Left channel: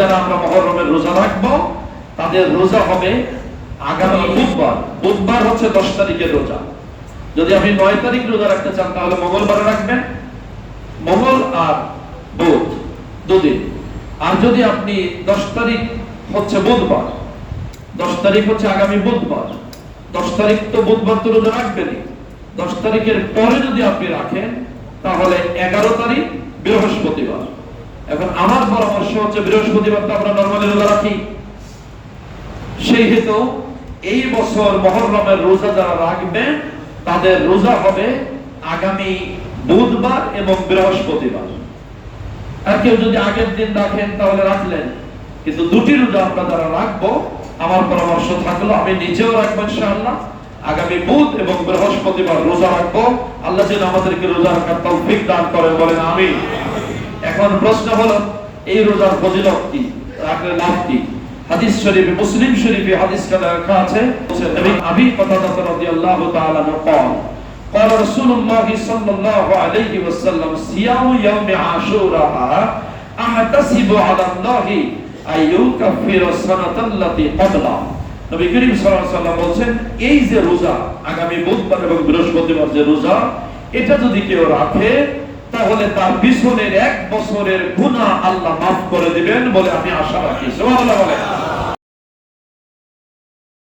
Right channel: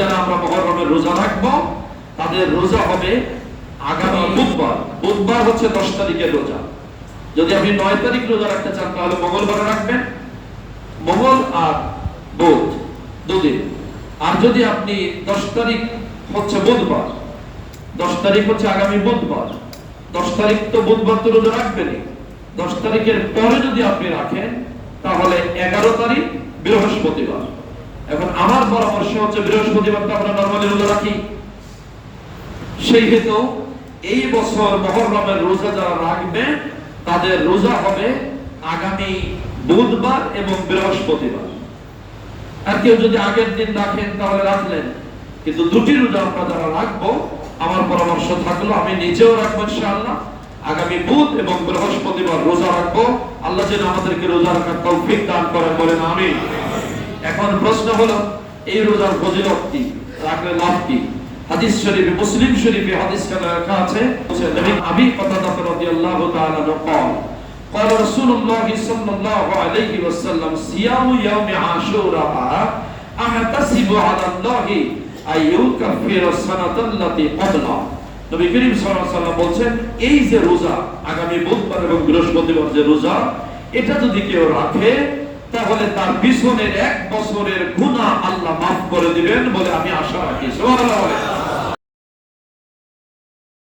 যারা আমরা মুহররমের রোজা রাখবো তাদের রোজা হবে আগামী বুধবার। বুধবার হচ্ছে 10 তারিখের রোজা। যদি আপনি 9 তারিখ রোজা রাখতে চান তাহলে মঙ্গলবার রাখবেন, মঙ্গল আর বুধ দুদিন। আর যদি আপনি 10 তারিখ হচ্ছে বুধবার, 10 তারিখ হচ্ছে আগামী বুধবার, 10 তারিখ তো বুধবার তো রোজা রাখবেনই। 10 তারিখের পরে যদি আপনি রাখেন তাহলে 11 তারিখ বৃহস্পতিবার। এখন আমার পরামর্শ হচ্ছে বৃহস্পতিবারটা আমরা নরমালি রোজা রাখি। সেই হেতু এই বছর মুহররমের রোজা যারা রাখবে তাদের রোজা হবে আগামী বুধবার এবং বৃহস্পতিবার। আর কেউ যদি আগের দিন রাখেন তাহলে রাখলেন, কিন্তু দুটি রোজা আমরা যারা রাখবো আমার পরামর্শ থাকলো আমি নিজেও রাখবো ইনশাআল্লাহ, আগামী বুধ এবং বৃহস্পতিবার রোজা রাখবো। আল্লাহ যেন আমাদেরকে রোজা রাখার তৌফিক দান করে, বলেন আমিন। এখন প্রশ্ন হলো এই রোজার ফজিলত কি, রাখলে লাভ কি? হাদিস শরীফে, মুসলিম শরীফে হাদিসটা লেখা আছে, নবী আবি কাতাদা রাদিয়াল্লাহু তাআলা قال قال رسول الله صلى الله عليه وسلم صيام يوم عاشوراء احتسب على الله ان يكفر السنه التي قبله। নবী করিম সাল্লাল্লাহু আলাইহি ওয়াসাল্লাম বলেন এই যে রোজা আগামী বুধবার এবং বৃহস্পতিবার যে রোজা, এটা যদি কেউ রাখে তাহলে তার পিছনের 1 বছরের গুনাহ আল্লাহ মাফ করে দিবেন বলে আমি আশা রাখি। সুবহানাল্লাহ।